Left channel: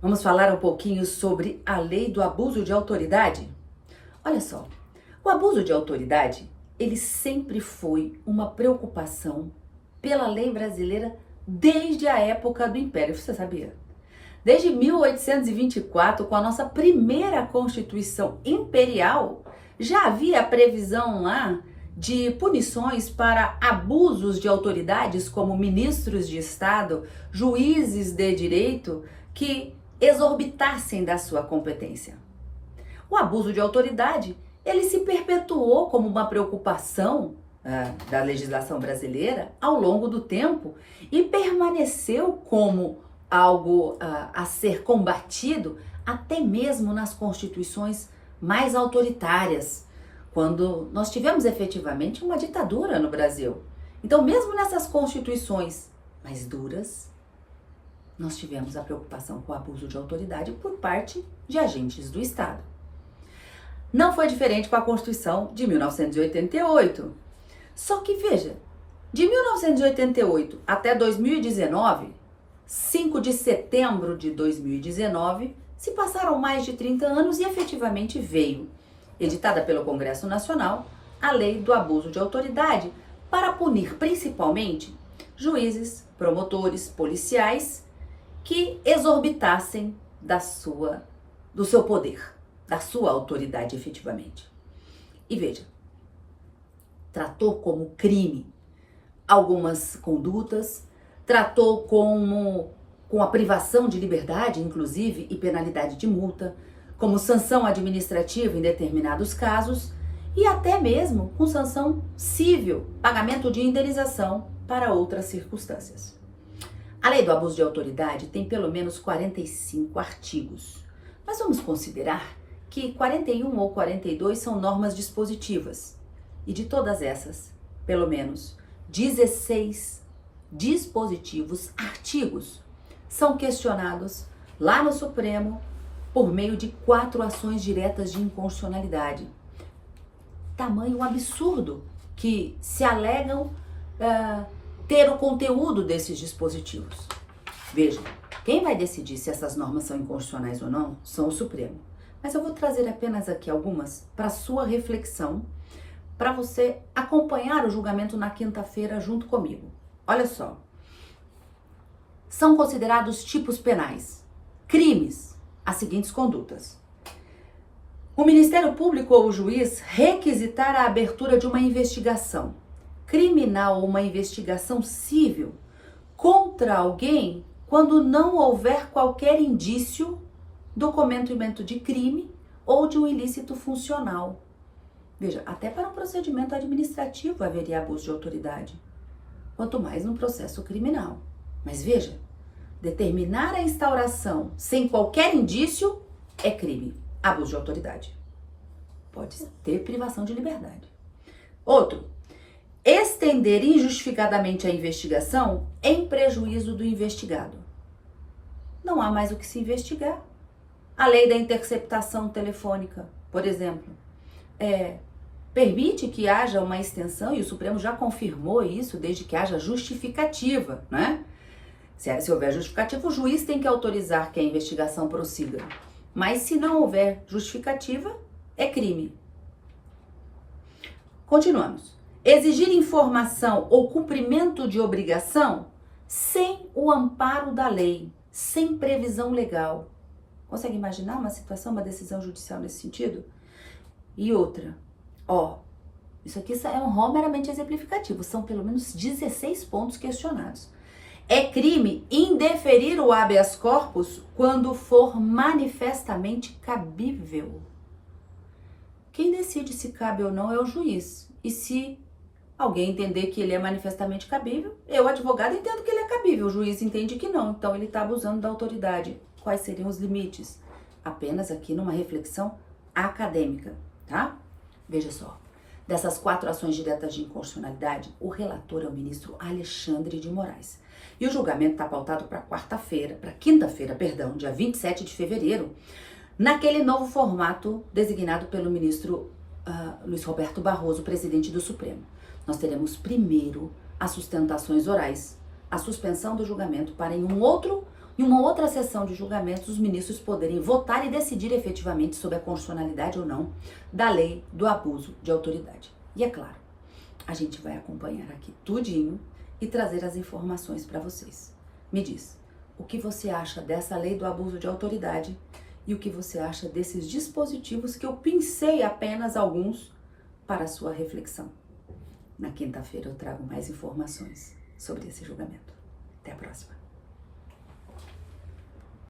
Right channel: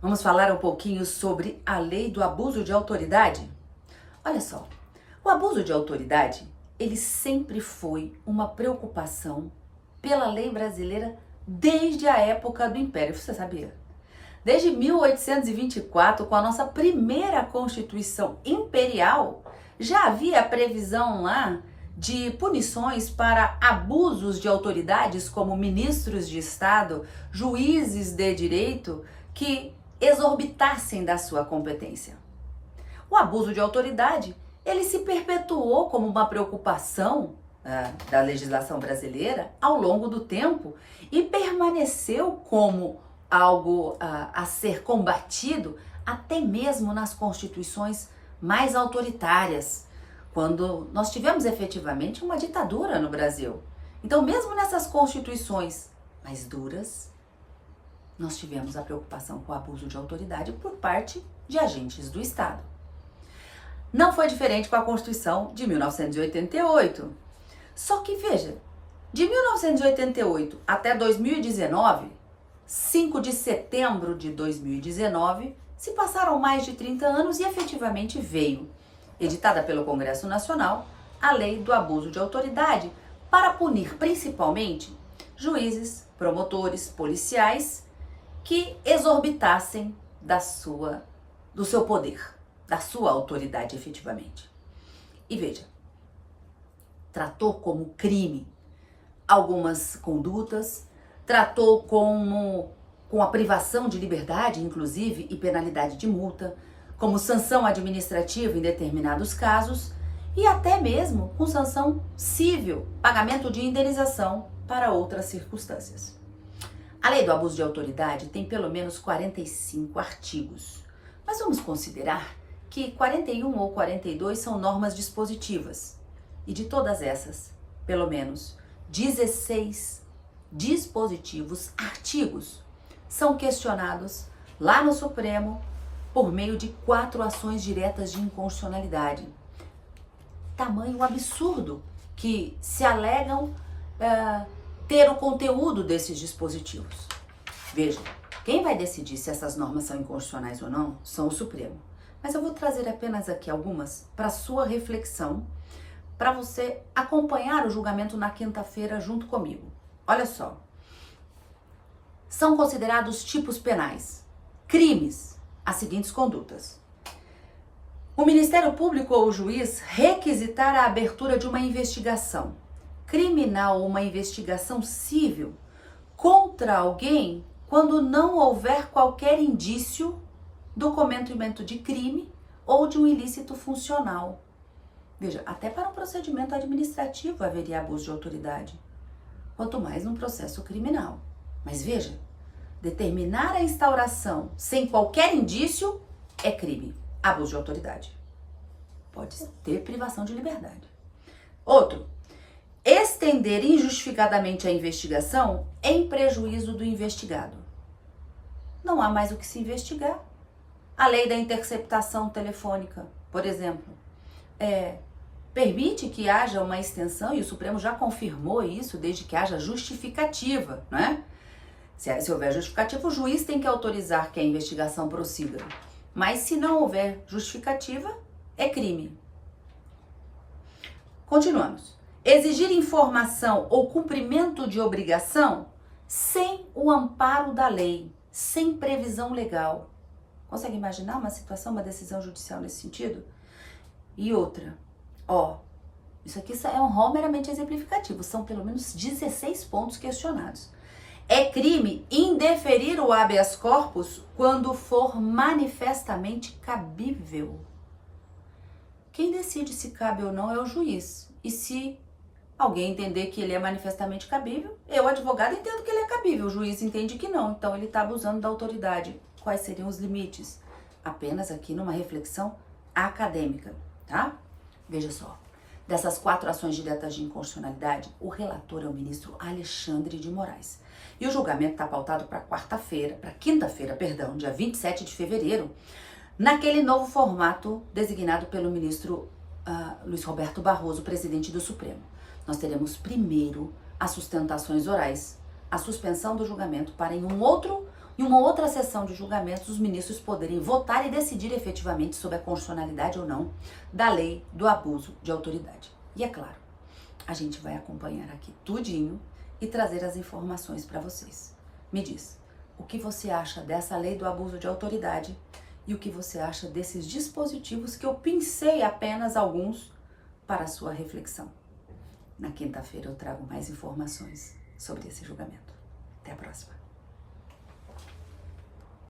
Vamos falar um pouquinho sobre a lei do abuso de autoridade? Olha só, o abuso de autoridade, ele sempre foi uma preocupação pela lei brasileira desde a época do Império, você sabia? Desde 1824, com a nossa primeira Constituição Imperial, já havia a previsão lá de punições para abusos de autoridades como ministros de Estado, juízes de direito, que exorbitassem da sua competência. O abuso de autoridade, ele se perpetuou como uma preocupação da legislação brasileira ao longo do tempo e permaneceu como algo a ser combatido até mesmo nas constituições mais autoritárias, quando nós tivemos efetivamente uma ditadura no Brasil. Então, mesmo nessas constituições mais duras, nós tivemos a preocupação com o abuso de autoridade por parte de agentes do Estado. Não foi diferente com a Constituição de 1988. Só que, veja, de 1988 até 2019, 5 de setembro de 2019, se passaram mais de 30 anos e efetivamente veio, editada pelo Congresso Nacional, a Lei do Abuso de Autoridade para punir principalmente juízes, promotores, policiais que exorbitassem do seu poder, da sua autoridade efetivamente. E veja, tratou como crime algumas condutas, tratou com a privação de liberdade, inclusive, e penalidade de multa, como sanção administrativa em determinados casos e até mesmo com sanção civil, pagamento de indenização para outras circunstâncias. A Lei do Abuso de Autoridade tem pelo menos 45 artigos, mas vamos considerar que 41 ou 42 são normas dispositivas e de todas essas, pelo menos 16 dispositivos, artigos, são questionados lá no Supremo por meio de 4 ações diretas de inconstitucionalidade. Tamanho absurdo que se alegam ter o conteúdo desses dispositivos. Veja, quem vai decidir se essas normas são inconstitucionais ou não são o Supremo. Mas eu vou trazer apenas aqui algumas para sua reflexão, para você acompanhar o julgamento na quinta-feira junto comigo. Olha só, são considerados tipos penais, crimes, as seguintes condutas. O Ministério Público ou o juiz requisitar a abertura de uma investigação criminal ou uma investigação civil contra alguém quando não houver qualquer indício do cometimento de crime ou de um ilícito funcional. Veja, até para um procedimento administrativo haveria abuso de autoridade, quanto mais num processo criminal. Mas veja, determinar a instauração sem qualquer indício é crime, abuso de autoridade. Pode ter privação de liberdade. Outro, estender injustificadamente a investigação em prejuízo do investigado. Não há mais o que se investigar. A lei da interceptação telefônica, por exemplo, permite que haja uma extensão, e o Supremo já confirmou isso, desde que haja justificativa, né? Se houver justificativa, o juiz tem que autorizar que a investigação prossiga. Mas se não houver justificativa, é crime. Continuamos. Exigir informação ou cumprimento de obrigação sem o amparo da lei, sem previsão legal. Consegue imaginar uma situação, uma decisão judicial nesse sentido? E outra, isso aqui é um rol meramente exemplificativo, são pelo menos 16 pontos questionados. É crime indeferir o habeas corpus quando for manifestamente cabível. Quem decide se cabe ou não é o juiz. E se alguém entender que ele é manifestamente cabível, eu, advogado, entendo que ele é cabível, o juiz entende que não, então ele está abusando da autoridade. Quais seriam os limites? Apenas aqui numa reflexão acadêmica, tá? Veja só, dessas 4 ações diretas de inconstitucionalidade, o relator é o ministro Alexandre de Moraes. E o julgamento está pautado para quinta-feira, dia 27 de fevereiro, naquele novo formato designado pelo ministro Luiz Roberto Barroso, presidente do Supremo. Nós teremos primeiro as sustentações orais, a suspensão do julgamento para em um outro em uma outra sessão de julgamentos, os ministros poderem votar e decidir efetivamente sobre a constitucionalidade ou não da lei do abuso de autoridade. E é claro, a gente vai acompanhar aqui tudinho e trazer as informações para vocês. Me diz, o que você acha dessa lei do abuso de autoridade e o que você acha desses dispositivos que eu pincei apenas alguns para a sua reflexão. Na quinta-feira eu trago mais informações sobre esse julgamento. Até a próxima.